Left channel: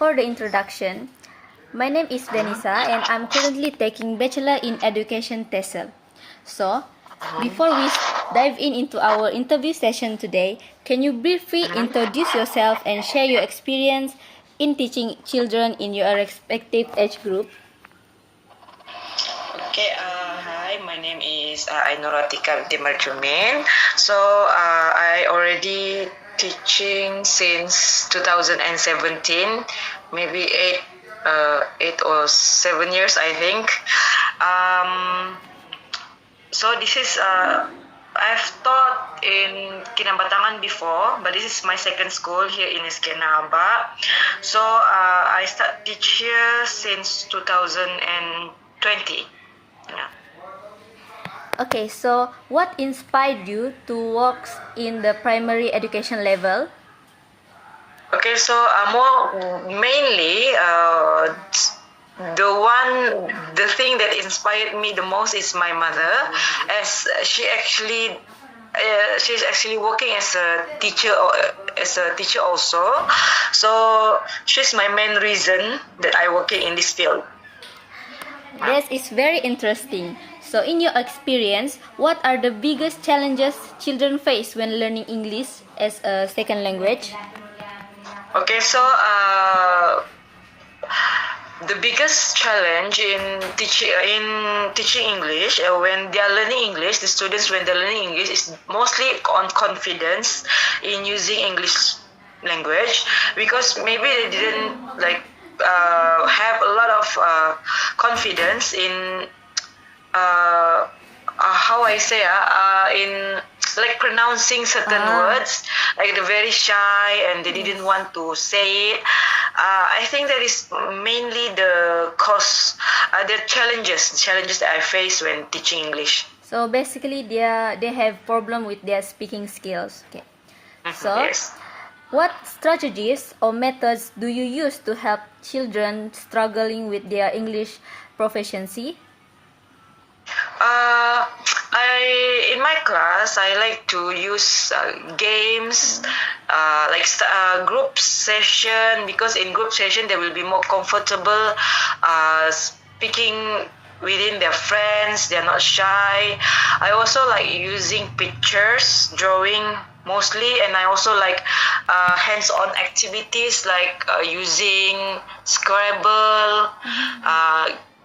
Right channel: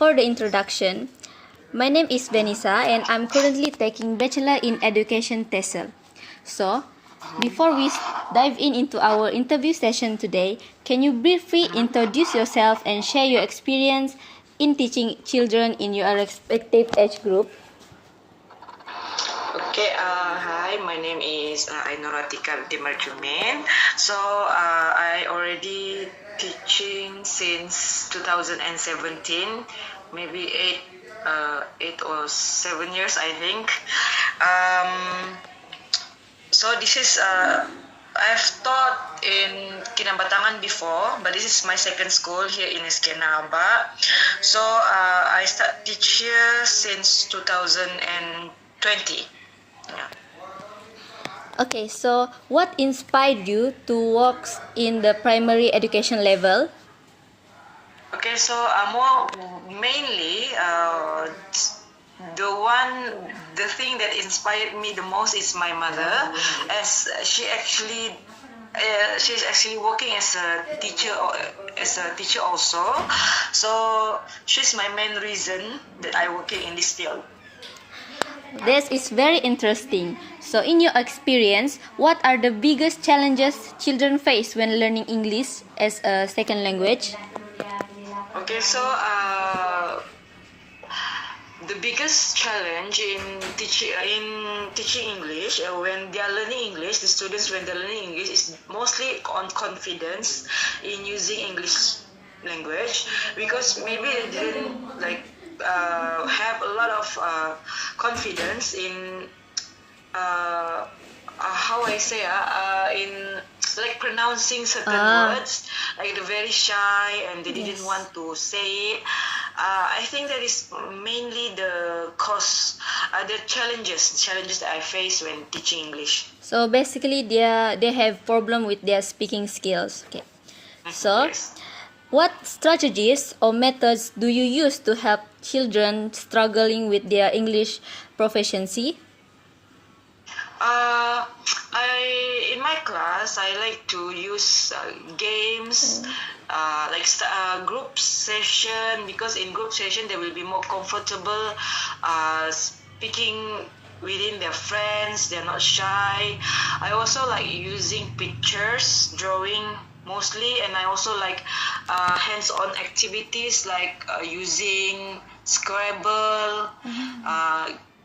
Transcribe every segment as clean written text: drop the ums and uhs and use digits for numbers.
for the introduction, my name is Vennissah and I'm currently taking Bachelor in Education TESOL. So, before we dive into our interview session today, can you briefly introduce yourself and share your experience in teaching children in your respective age group? Okay, hi, my name is Ainuratika Dimarjumin. So, I already teaching since 2017, maybe 8 or 7 years, I think. So this is, I've taught in Kinabatangan before, but this is my second school here in Eskenaba. So, I start teach here since 2020. Yeah. Okay, so what inspired you to work in the primary education level? Okay, so mainly the thing that inspired me the most is my mother, as she's actually working as a teacher also. So she's my main reason that I working in this field. This is very interesting. So, in your experience, what are the biggest challenges children face when learning English as a second language? Okay, so the biggest challenge in teaching English when they are learning English, the students when they're learning English is mostly on confidence in using English language, because maybe they didn't have a lot of confidence in how I say in like pronouncing certain words, like they're very shy and they didn't want to say it. I think that is mainly the cause, the challenges that I face when teaching English. So basically, they have problem with their speaking skills. Okay. So, yes. What strategies or methods do you use to help children struggling with their English proficiency? In my class, I like to use games, group session, because in group session they will be more comfortable speaking within their friends. They're not shy. I also like using pictures, drawing mostly, and I also like hands-on activities like using Scrabble,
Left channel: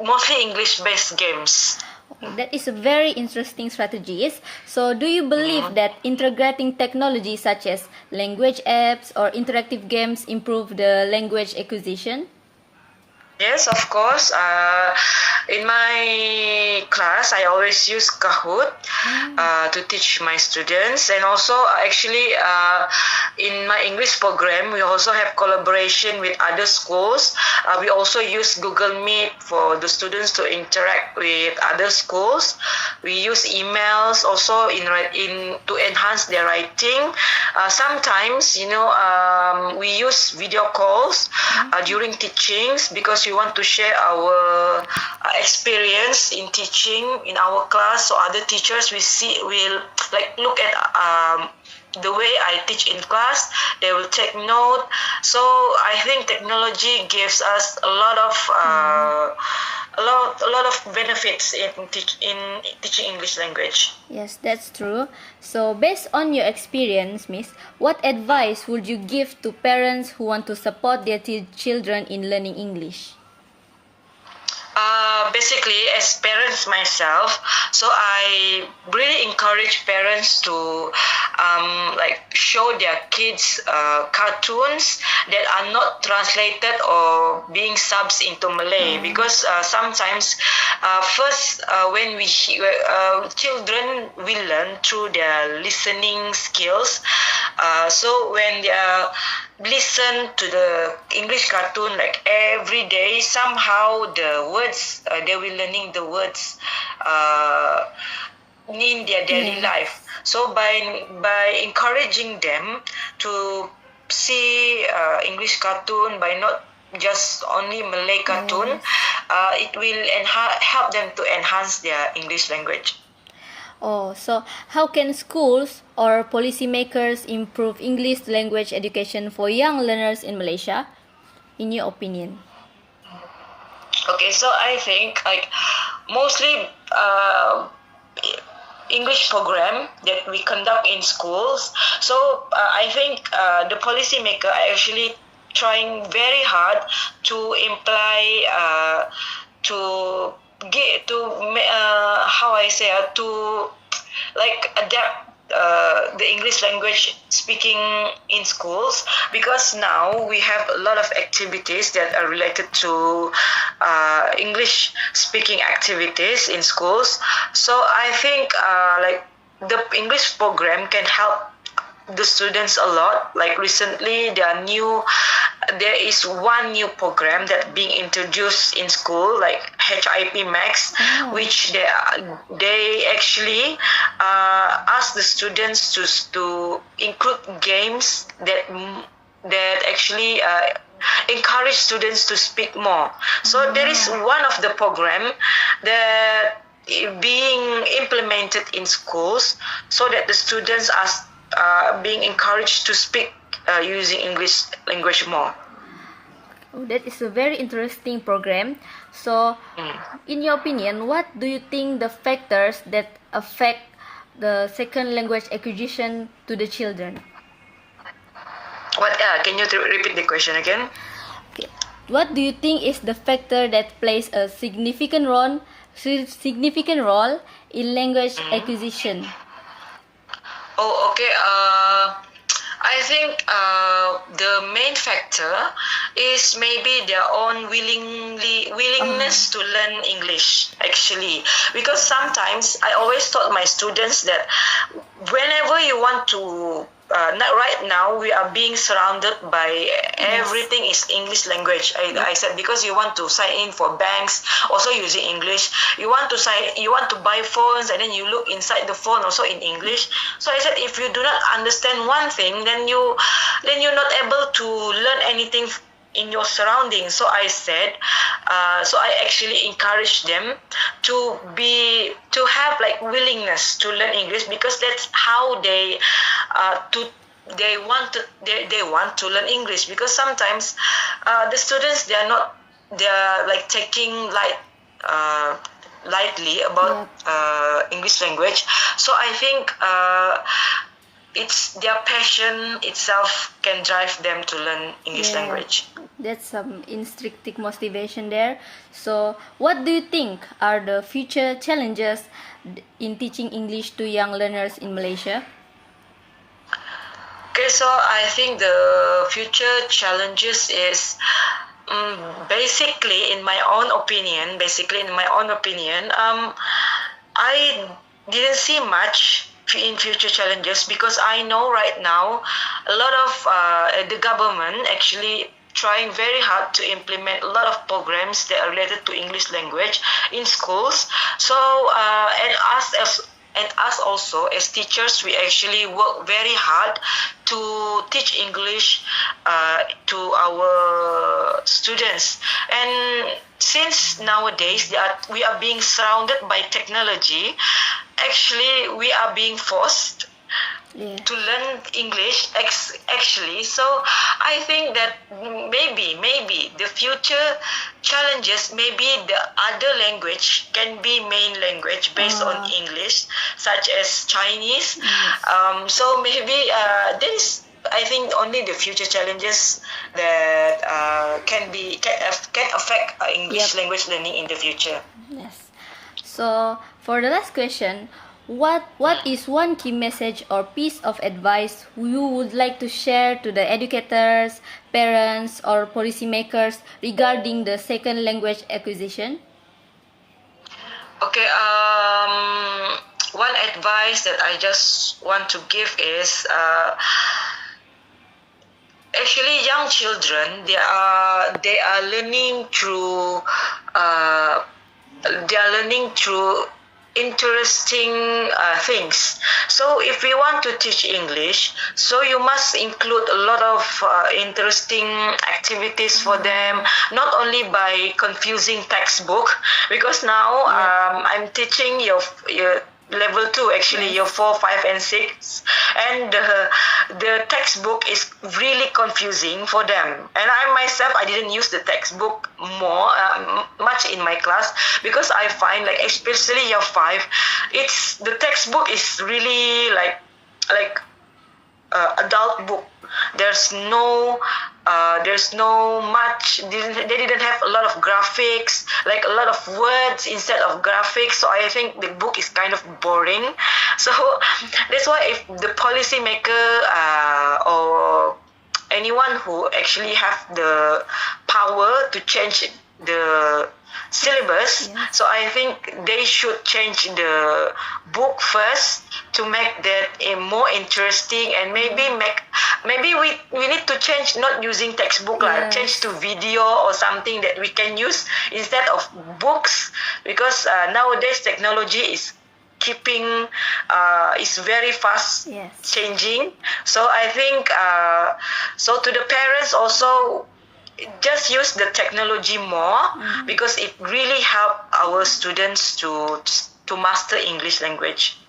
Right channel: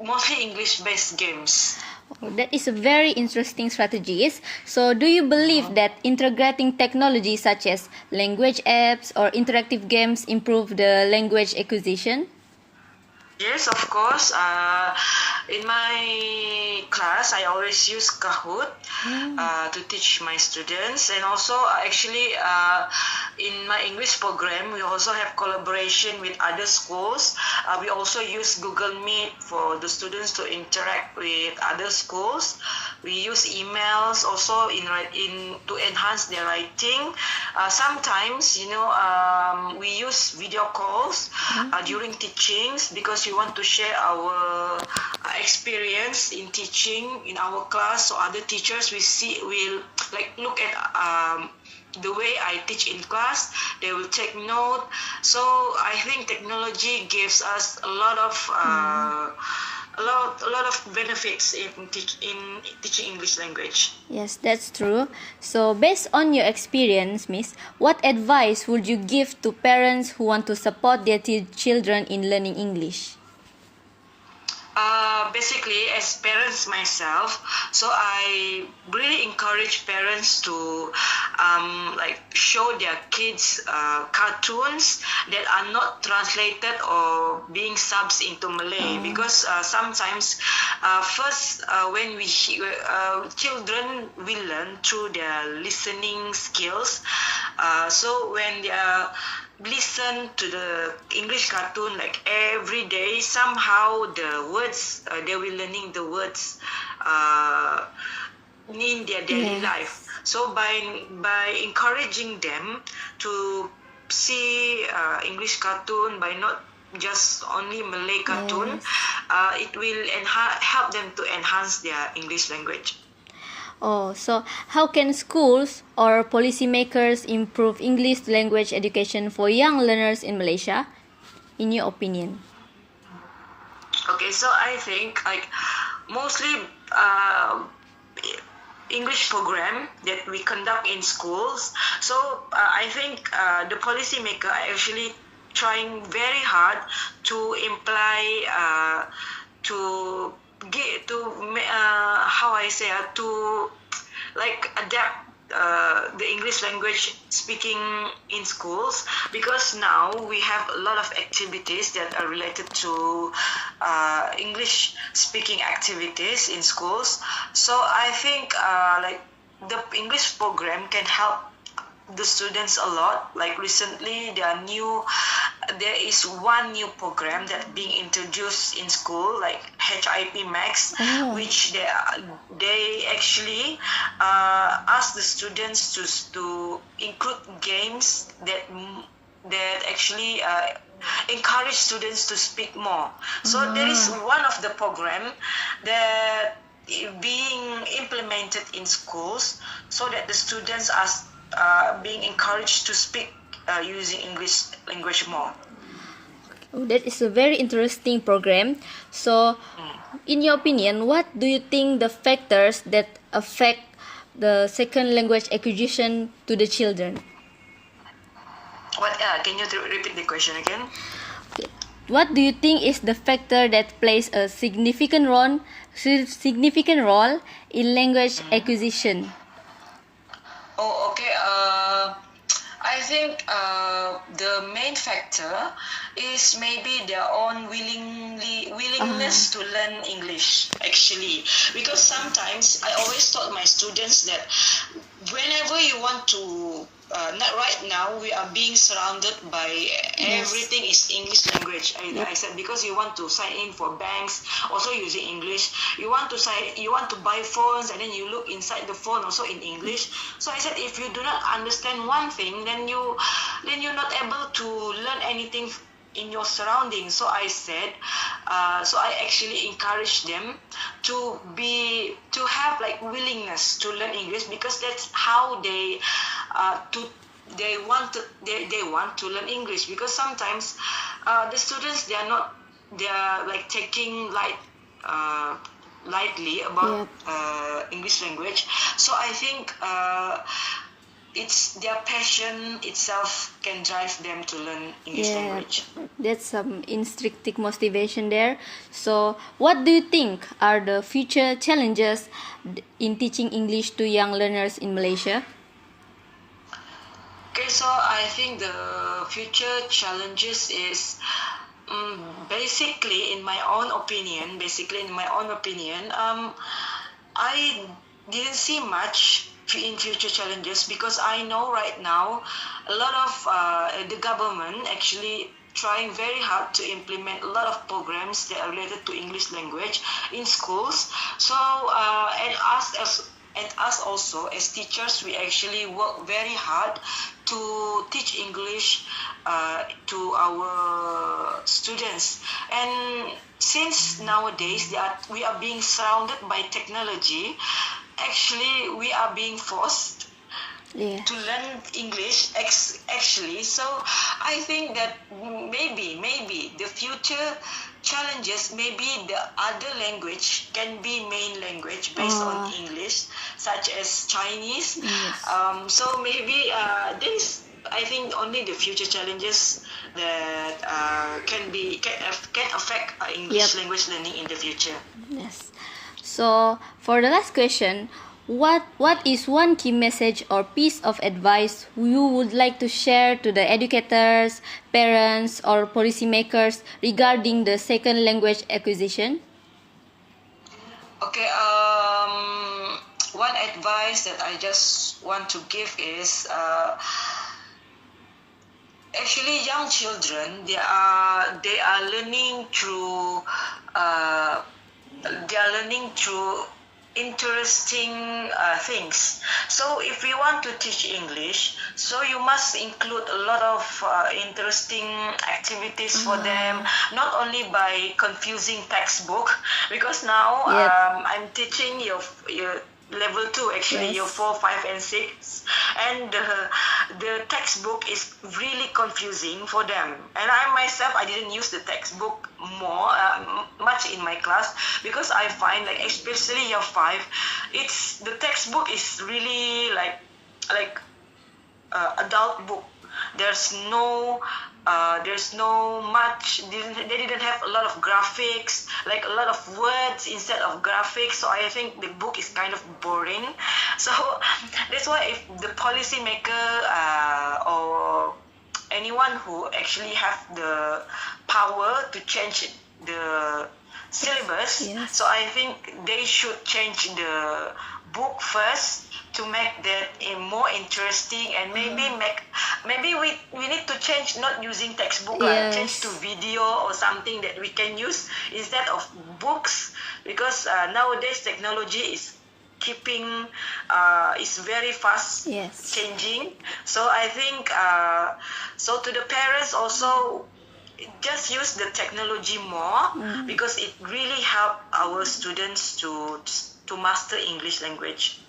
mostly English-based games. That is a very interesting strategy. So, do you believe that integrating technology such as language apps or interactive games improve the language acquisition? Yes, of course. In my class, I always use Kahoot to teach my students, and also actually in my English program, we also have collaboration with other schools. We also use Google Meet for the students to interact with other schools. We use emails also to enhance their writing. Sometimes, we use video calls during teachings, because we want to share our experience in teaching in our class, so other teachers will look at the way I teach in class. They will take note. So I think technology gives us a lot of benefits in teaching English language. Yes, that's true. So, based on your experience, Miss, what advice would you give to parents who want to support their children in learning English? Basically, as parents myself, so I really encourage parents to show their kids cartoons that are not translated or being subs into Malay, because sometimes when children will learn through their listening skills. So when they listen to the English cartoon every day, somehow the words they will learning the words in their daily life. So by encouraging them to see English cartoon, by not just only Malay cartoon, it will help them to enhance their English language. Oh, so how can schools or policymakers improve English language education for young learners in Malaysia? in your opinion? Okay, so I think like mostly English program that we conduct in schools. So I think the policymaker are actually trying very hard to imply to get to how I say to like adapt the English language speaking in schools, because now we have a lot of activities that are related to English speaking activities in schools. So I think like the English program can help the students a lot. Like recently there is one new program that being introduced in school, like HIP Max, which they actually ask the students to include games that actually encourage students to speak more. So there is one of the program that being implemented in schools so that the students are being encouraged to speak using English language more. That is a very interesting program. So, in your opinion, what do you think the factors that affect the second language acquisition to the children? What? Can you repeat the question again? Okay. What do you think is the factor that plays a significant role in language acquisition? Oh, okay. I think the main factor is maybe their own willingness to learn English, actually. Because sometimes I always taught my students that whenever you want to not right now we are being surrounded by everything is English language. I said, because you want to sign in for banks also using English, you want to buy phones and then you look inside the phone also in English. So I said, if you do not understand one thing, then you're not able to learn anything in your surroundings. So I said, so I actually encourage them to have like willingness to learn English, because that's how they want to learn English. Because sometimes the students they are like taking lightly about English language. So I think it's their passion itself can drive them to learn English language. That's some intrinsic motivation there. So, what do you think are the future challenges in teaching English to young learners in Malaysia? Okay, so I think the future challenges is basically in my own opinion, I didn't see much in future challenges, because I know right now a lot of the government actually trying very hard to implement a lot of programs that are related to English language in schools. So and us also as teachers, we actually work very hard to teach English to our students. And since nowadays we are being surrounded by technology, actually we are being forced to learn English actually. So I think that maybe the future challenges, maybe the other language can be main language based on English, such as Chinese. So maybe this, I think, only the future challenges that can affect English language learning in the future. Yes. So for the last question, what is one key message or piece of advice you would like to share to the educators, parents, or policymakers regarding the second language acquisition? Okay, one advice that I just want to give is actually young children, they are learning through interesting things. So if we want to teach English, so you must include a lot of interesting activities for them, not only by confusing textbook, because now I'm teaching level 2 actually, Yes. year 4, 5 and 6, and the textbook is really confusing for them, and I myself, I didn't use the textbook more much in my class, because I find, like, especially year 5, it's the textbook is really like adult book. There's no much, they didn't have a lot of graphics, like a lot of words instead of graphics, so I think the book is kind of boring. So that's why, if the policymaker or anyone who actually have the power to change the syllabus, Yes. so I think they should change the book first to make that more interesting, and maybe we need to change, not using textbook, change to Yes. video or something that we can use instead of books, because nowadays technology is keeping is very fast Yes. changing. So I think so to the parents also, just use the technology more, because it really help our students to master English language.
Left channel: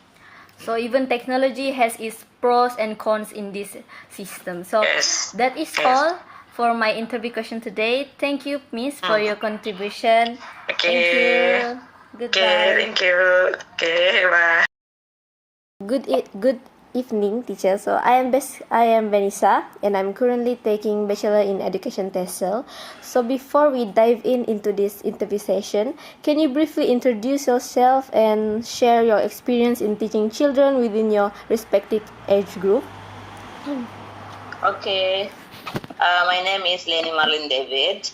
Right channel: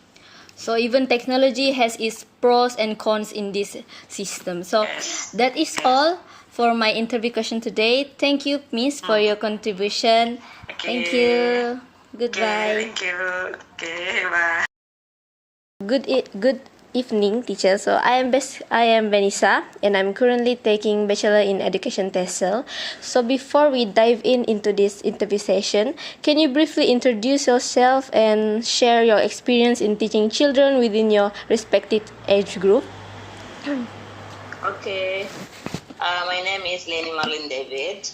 So even technology has its pros and cons in this system. So Yes. that is Yes. all for my interview question today. Thank you, Miss, for your contribution. Okay. Thank you. Goodbye. Thank you. Okay, bye. Good evening, teacher. So I am Vennissah, and I'm currently taking Bachelor in Education TESOL. So before we dive into this interview session, can you briefly introduce yourself and share your experience in teaching children within your respective age group? Okay. My name is Lenny Marlin David.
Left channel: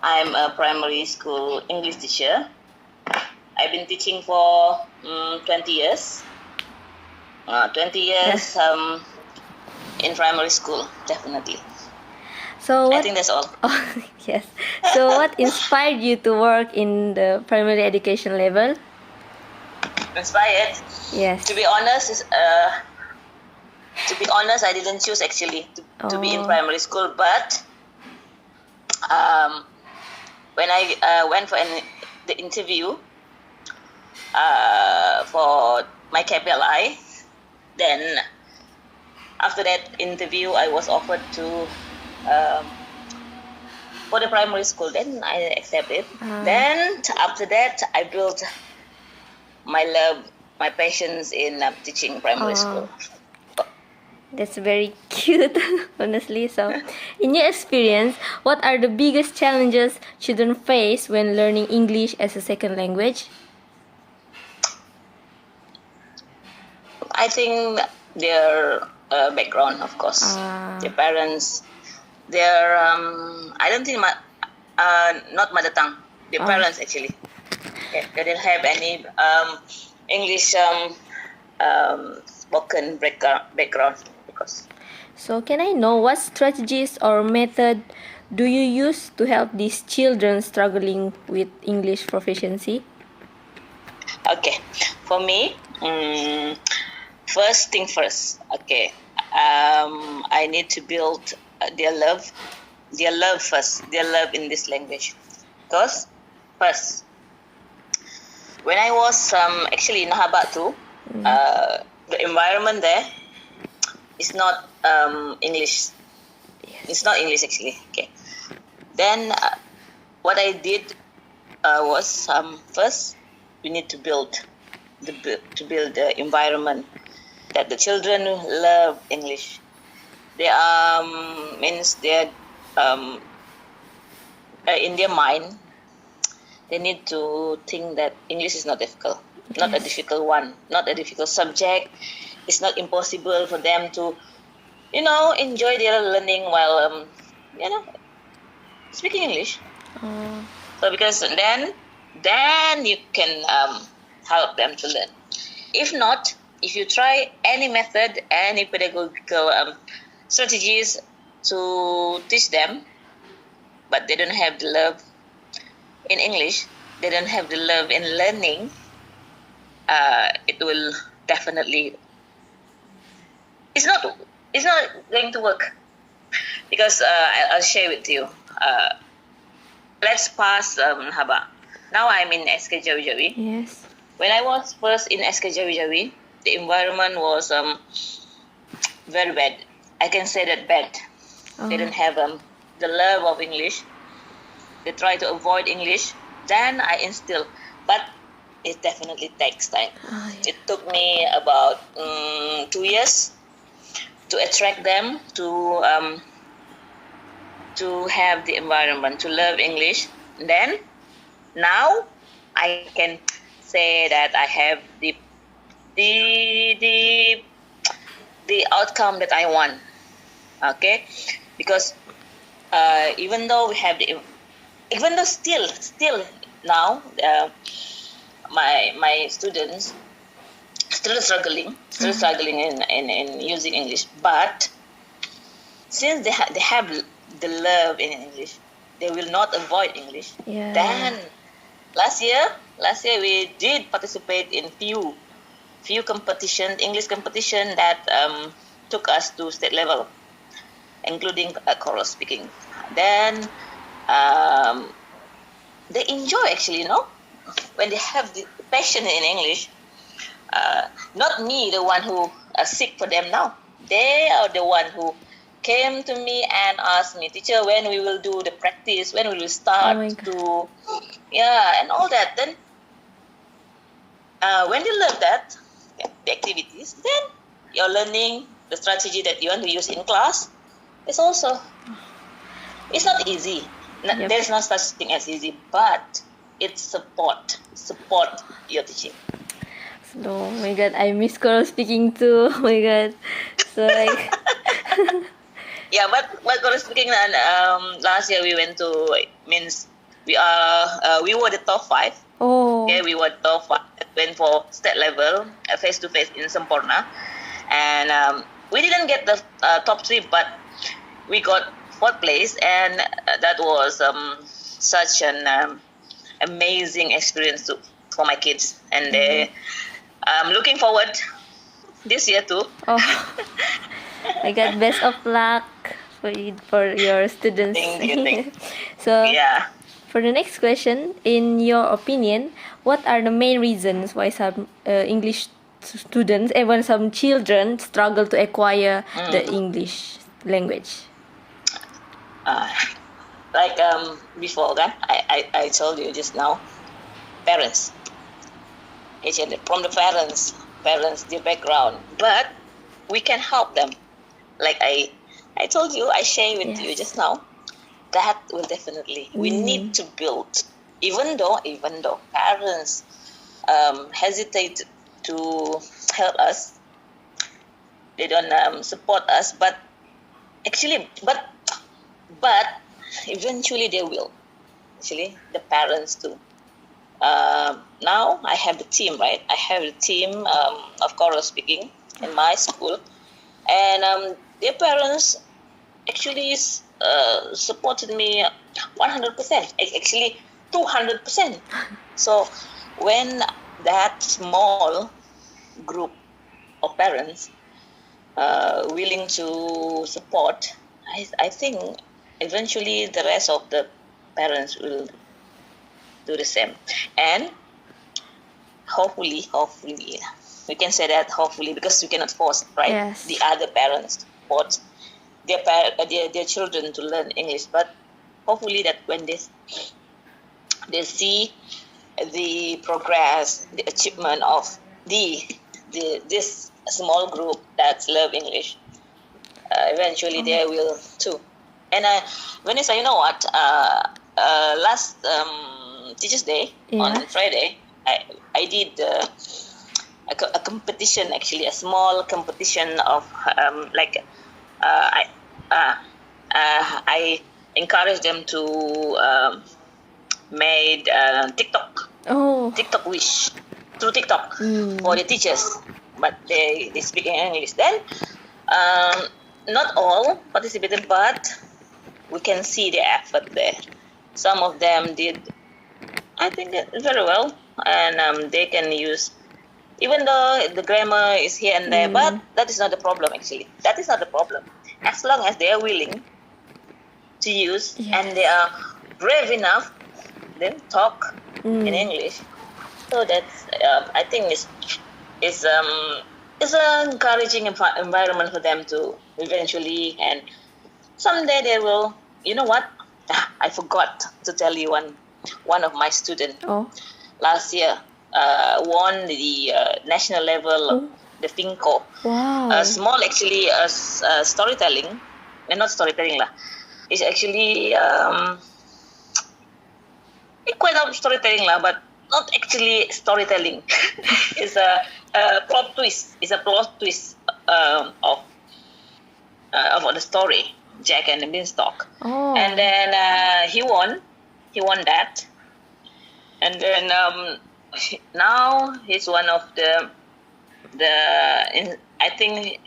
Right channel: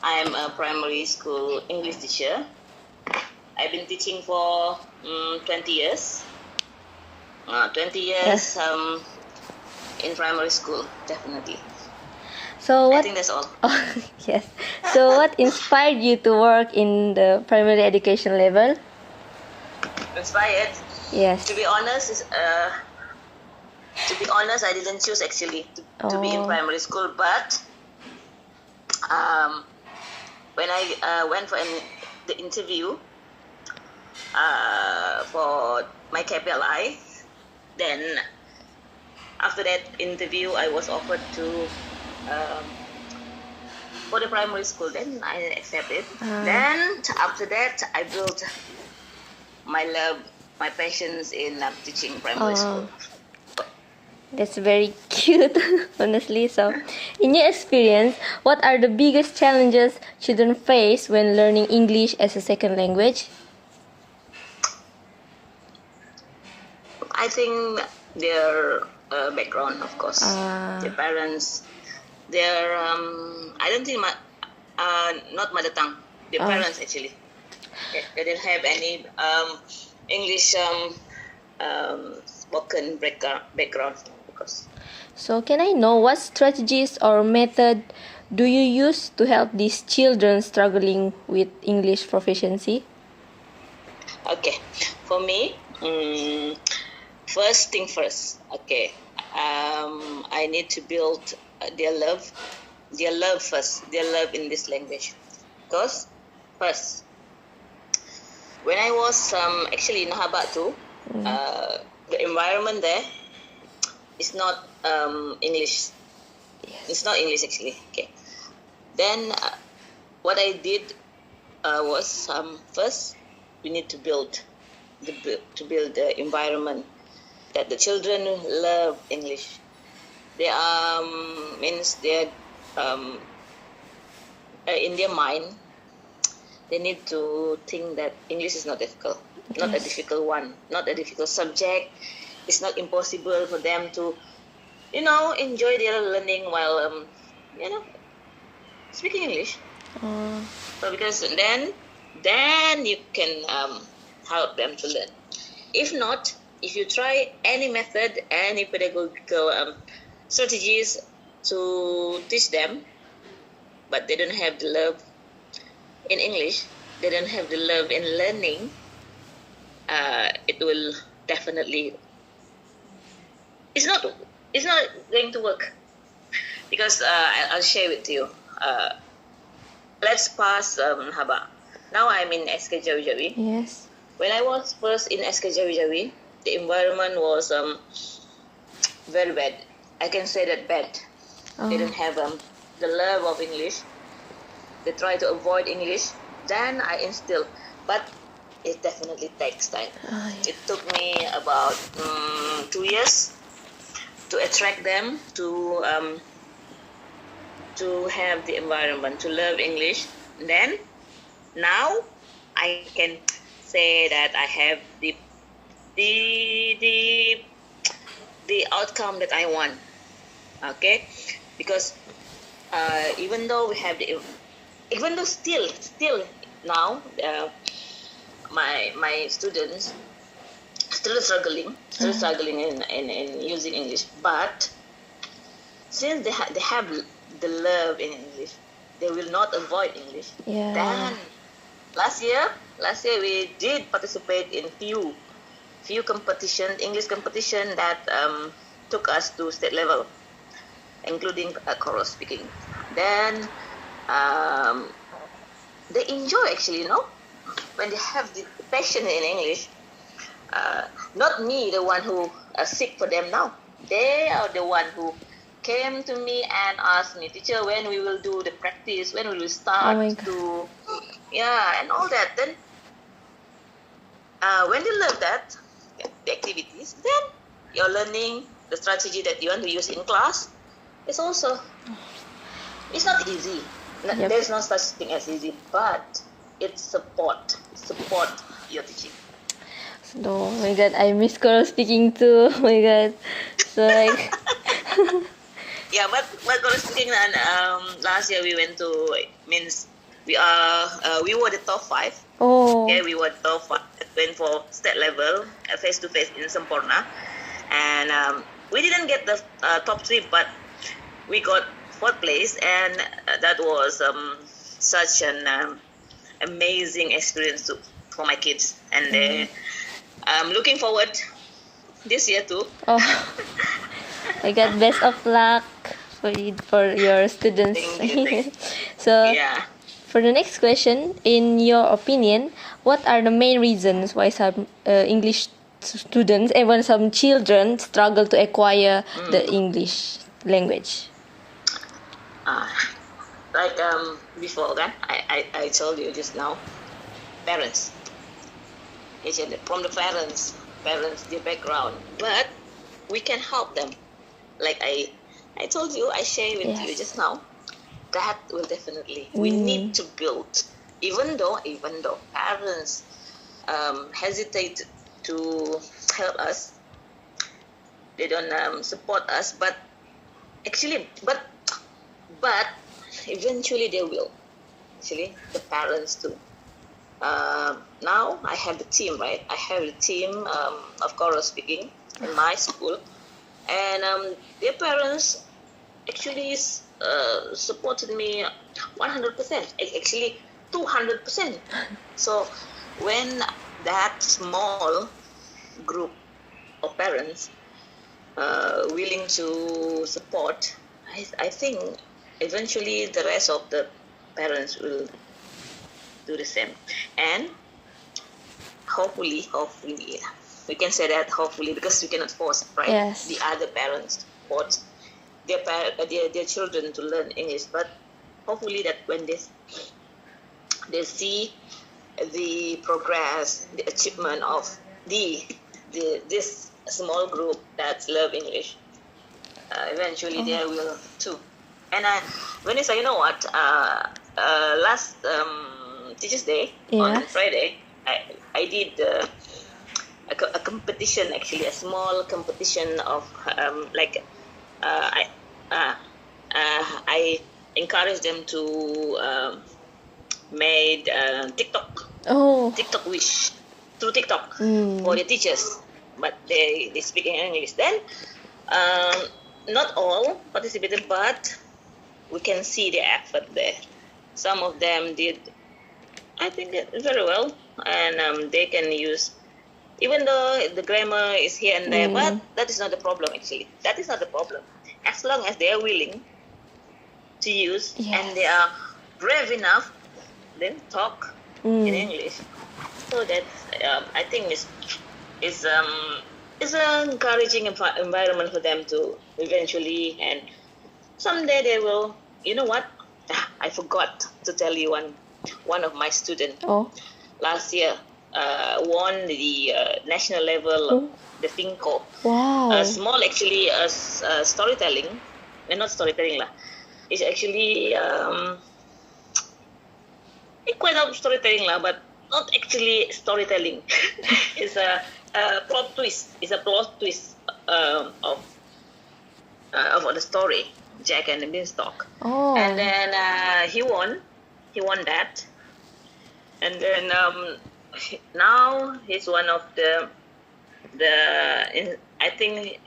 I'm a primary school English teacher. I've been teaching for 20 years. 20 years in primary school, definitely. So I what? think that's all. Oh, yes. So what inspired you to work in the primary education level? Inspired. Yes. To be honest, I didn't choose actually to be in primary school, but when I went for the interview for my KPLI, then after that interview, I was offered to for the primary school. Then I accepted. Then after that, I built my love, my passions in teaching primary school. That's very cute, honestly. So, in your experience, what are the biggest challenges children face when learning English as a second language? I think their background, of course, their parents, their I don't think not mother tongue. Their parents actually, they didn't have any English spoken background. Because. So, can I know what strategies or method do you use to help these children struggling with English proficiency? Okay, for me, first thing first. Okay, I need to build their love first, their love in this language. Because first, when I was actually in Nahabat too, the environment there is not English. It's not English actually. Okay. Then what I did was first we need to build the environment that the children love English. They means they're in their mind they need to think that English is not difficult, not a difficult one, not a difficult subject. It's not impossible for them to, enjoy their learning while, speaking English. So because then you can help them to learn. If not, if you try any method, any pedagogical strategies to teach them, but they don't have the love in English, they don't have the love in learning, it will definitely it's not going to work. Because I'll share with you. Let's pass Haba. now I'm in SK Jawi-Jawi. Yes. When I was first in SK Jawi-Jawi, the environment was very bad. I can say that bad. They don't have the love of English. They try to avoid English. Then I instill, but it definitely takes time. It took me about 2 years to attract them to have the environment, to love English. Then now I can say that I have the outcome that I want. Okay, because even though still now my students still struggling in using English, but since they have the love in English, they will not avoid English. Yeah. Then last year we did participate in few English competition that took us to state level, including chorus speaking. Then they enjoy actually, when they have the passion in English. Not me, the one who sick for them now. They are the one who came to me and asked me, teacher, when we will do the practice, when we will start to, and all that. Then when they learn that, the activities, then you're learning the strategy that you want to use in class. It's not easy. Yep. There's no such thing as easy, but it's support your teaching. Oh my god, I miss choral speaking too. Oh my god. So like Yeah, but chorus speaking, and last year we went to, means we were the top 5. oh. Okay, we were top 5. Went for state level, face to face in Semporna, and we didn't get the top 3, but we got 4th place, and that was such an amazing experience for my kids, and I'm looking forward this year too. Oh my god, best of luck for your students. Thank you. So Yeah. for the next question, in your opinion, what are the main reasons why some English students and when some children struggle to acquire the English language? Like before, okay? I told you just now, parents. From the parents, their background. But we can help them. Like I told you, I share with you just now. That will definitely, we need to build. Even though parents hesitate to help us, they don't support us, but eventually they will. Actually, the parents too. Now I have the team, right? I have the team of choral speaking in my school, and their parents actually supported me 100%, actually 200%. So when that small group of parents willing to support, I think eventually the rest of the parents will do the same, and hopefully we can say that hopefully, because we cannot force, right? Yes. The other parents support their children to learn English, but hopefully that when they see the progress, the achievement of this small group that love English, eventually they will too. And Vennissah, you know what? Last Teachers' Day on Friday, I did a competition, actually a small competition of I encouraged them to made TikTok wish through TikTok for the teachers, but they speak in English. Then not all participated, but we can see the effort there. Some of them did, I think, very well, and they can use, even though the grammar is here and there, but that is not the problem, actually. That is not the problem. As long as they are willing to use and they are brave enough, then talk in English. So that's I think is an encouraging environment for them to eventually, and someday they will. You know what? I forgot to tell you one of my students Oh. last year won the national level of the FINCO. Wow. Small actually storytelling, not storytelling lah. It's actually quite of storytelling lah, but not actually storytelling. It's a plot twist. It's a plot twist of the story, Jack and the Beanstalk. Oh. And then he won that, and then now he's one of I think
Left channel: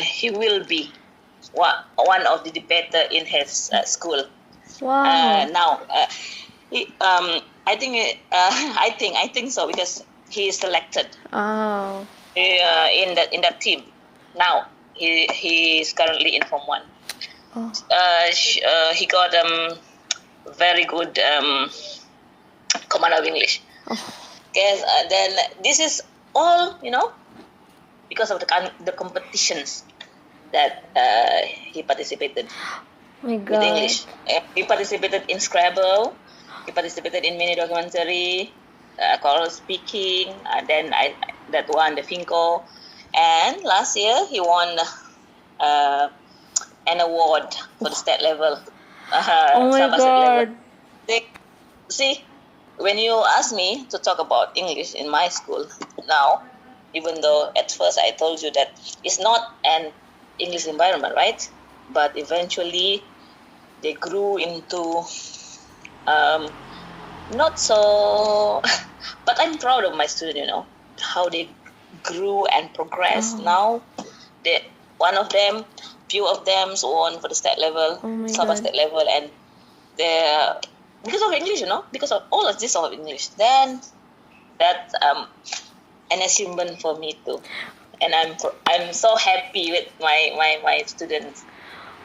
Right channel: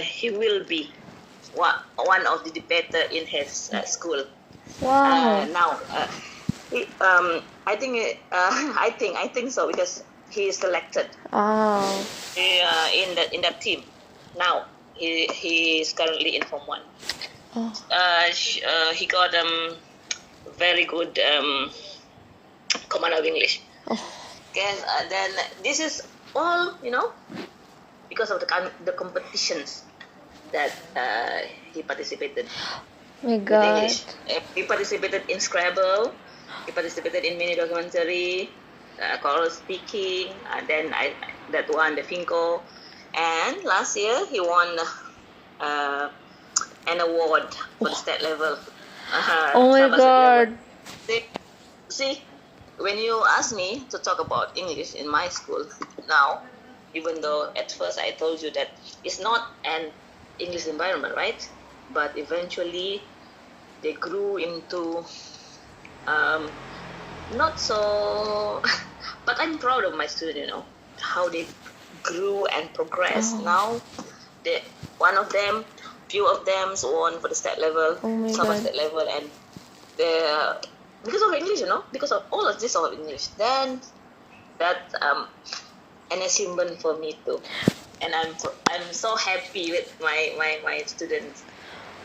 he will be one of the debater in his school. Wow. Now I think so, because he is selected Oh. in that team. Now he is currently in Form 1. Oh. He got very good command of English. Oh. Okay, then this is all because of the competitions that he participated My with God. English. He participated in Scrabble. He participated in mini documentary, choral speaking. Then that one, the FINCO, and last year he won an award for the state level. Oh my Sabah state level. God. See, when you ask me to talk about English in my school now, even though at first I told you that it's not an English environment, right? But eventually they grew into not so. But I'm proud of my student, how they grew and progressed. Oh. Now, few of them won for the state level, Oh my Sabah God. state level, and they because of English, because of all of this of English. Then that's an achievement for me too, and I'm so happy with my students.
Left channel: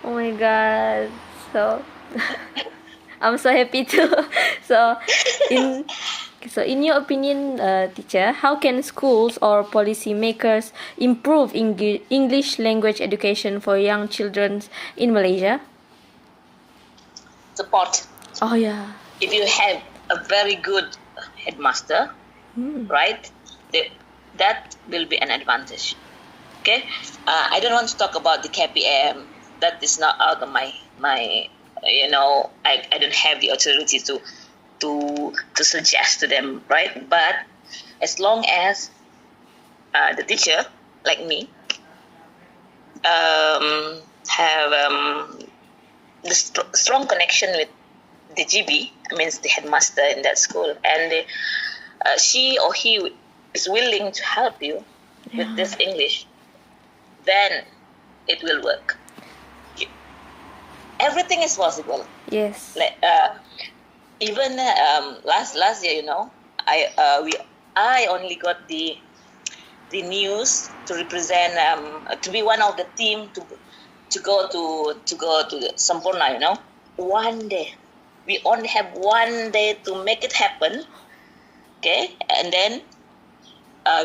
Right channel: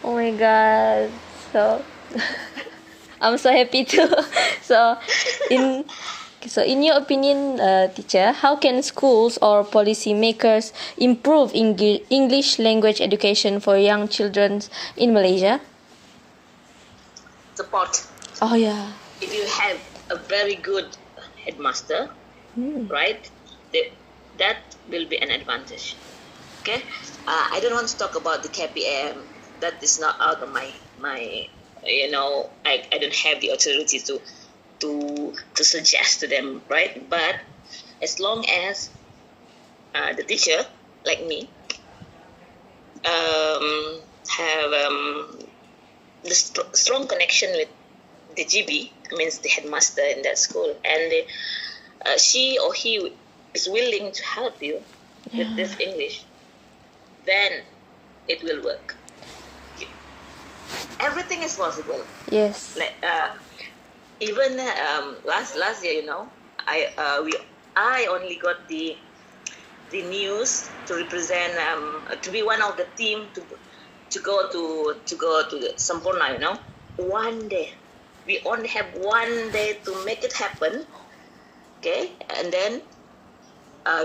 Oh my God. So I'm so happy too. So in your opinion, teacher, how can schools or policymakers improve English language education for young children in Malaysia? Support. Oh yeah. If you have a very good headmaster, right, that will be an advantage. Okay, I don't want to talk about the KPM. That is not out of my I don't have the authority to suggest to them, right? But as long as the teacher like me have the strong connection with the GB, means the headmaster in that school, and she or he is willing to help you with this English, then it will work. Everything is possible. Yes. Like even last year, I only got the news to represent to be one of the team to go to the Sampurna. One day. We only have one day to make it happen, okay? And then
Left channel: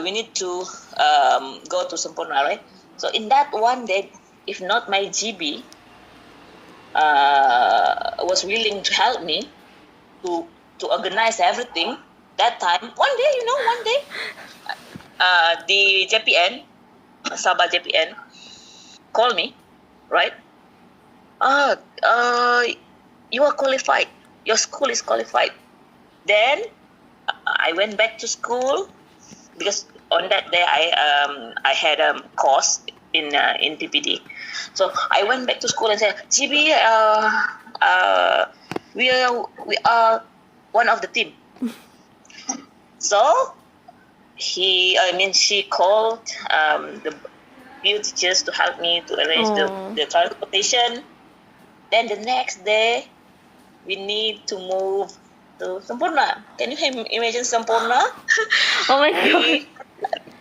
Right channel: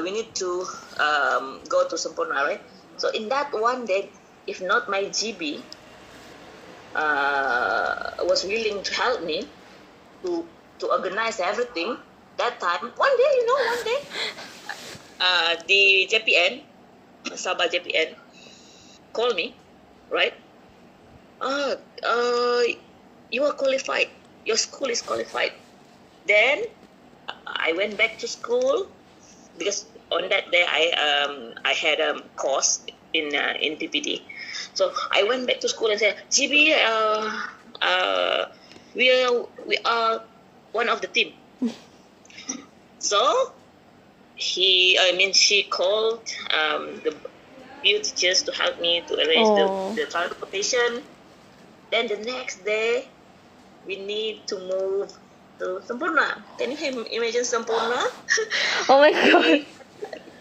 we need to go to Sampurna, right? So in that one day, if not my GB was willing to help me to organize everything, that time, one day, the JPN, Sabah JPN, called me, right? You are qualified. Your school is qualified. Then I went back to school because on that day I had a course in PPD. So I went back to school and said, GB, we are one of the team. So she called the few teachers to help me to arrange the transportation. Then the next day, we need to move to Sampurna. Can you imagine Sampurna? Oh my God.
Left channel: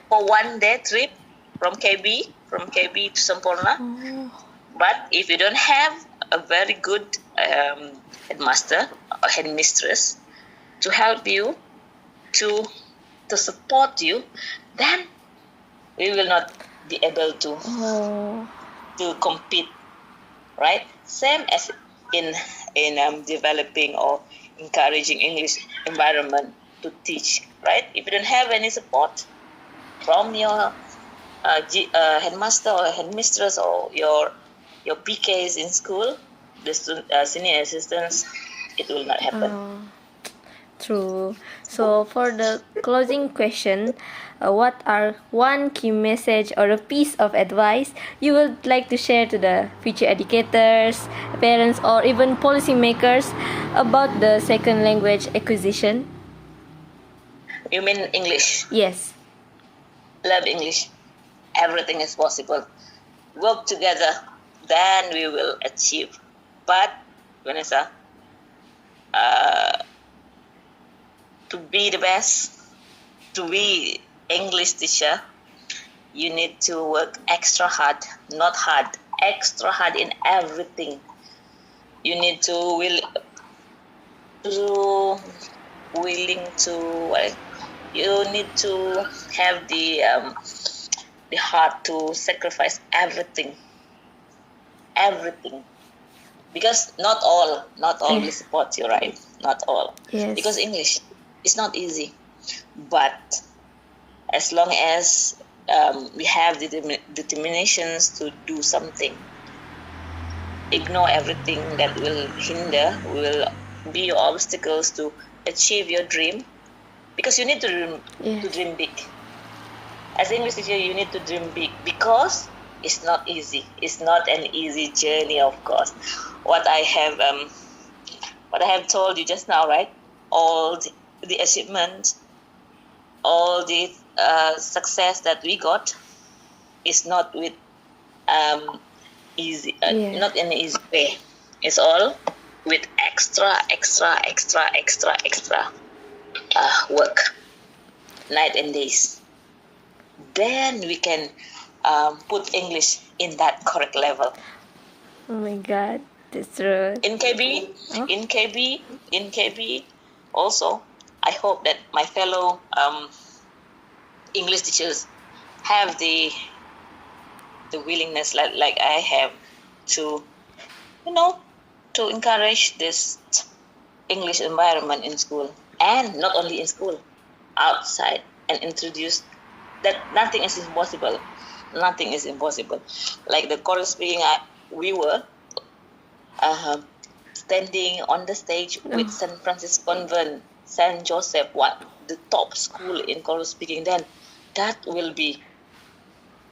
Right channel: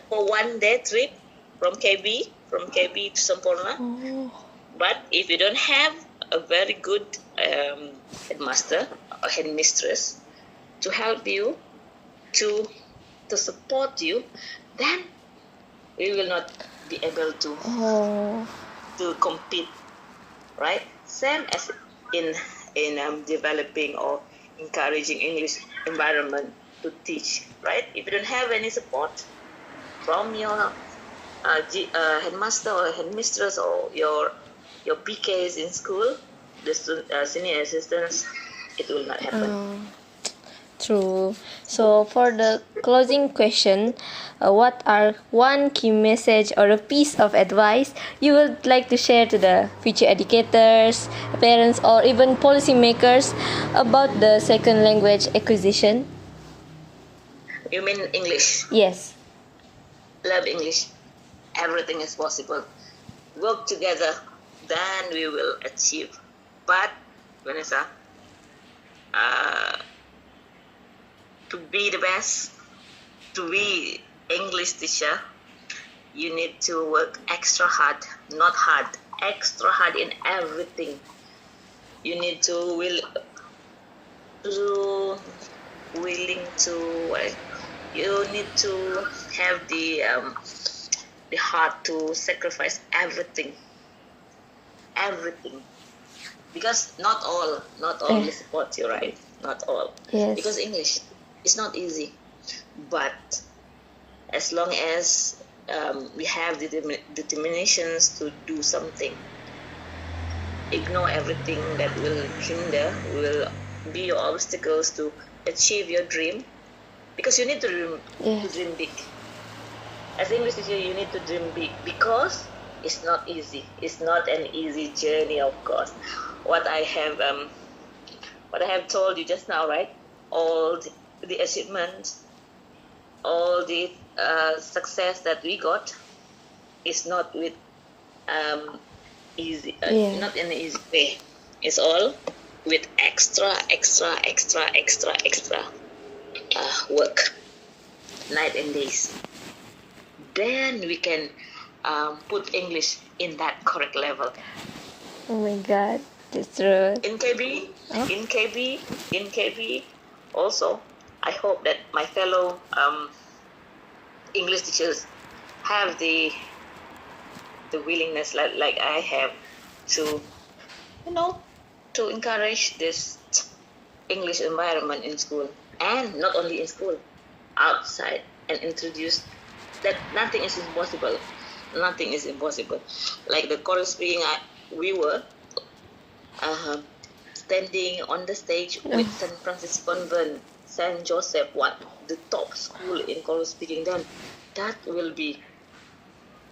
For one day trip from KB to Sampurna. Oh. But if you don't have a very good headmaster or headmistress to help you, to support you, then we will not be able to Oh. compete, right? Same as in developing or encouraging English environment to teach, right? If you don't have any support from your headmaster or headmistress or your PKs in school, the senior assistants, it will not happen. Oh. True. So for the closing question, what are one key message or a piece of advice you would like to share to the future educators, parents, or even policymakers about the second language acquisition? You mean English? Yes. Love English. Everything is possible. Work together, then we will achieve. But, Vennissah, to be the best, to be English teacher, you need to work extra hard, not hard, extra hard in everything. You need to willing to, you need to have the heart to sacrifice everything, because not all will support you, right? Not all. Yes. Because English is not easy, but as long as we have the determinations to do something, ignore everything that will hinder, will be your obstacles to achieve your dream, because you need to dream big. As English teacher, you need to dream big, because it's not easy. It's not an easy journey, of course. What I have told you just now, right? All the achievements, all the success that we got is not with easy, not in an easy way. It's all with extra work, night and days. Then we can put English in that correct level. Oh my God, that's true. In KB, also, I hope that my fellow English teachers have the willingness, like I have, to to encourage this English environment in school, and not only in school, outside, and introduce that nothing is impossible. Nothing is impossible. Like the choral speaking, we were standing on the stage with St. Francis Convent, St. Joseph, the top school in choral speaking. Then that will be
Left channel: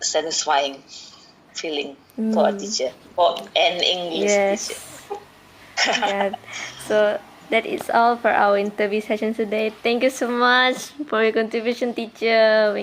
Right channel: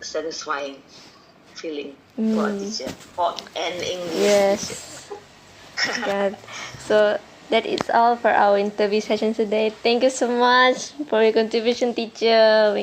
satisfying feeling for a teacher, for an English teacher. Yeah. So that is all for our interview session today. Thank you so much for your contribution, teacher.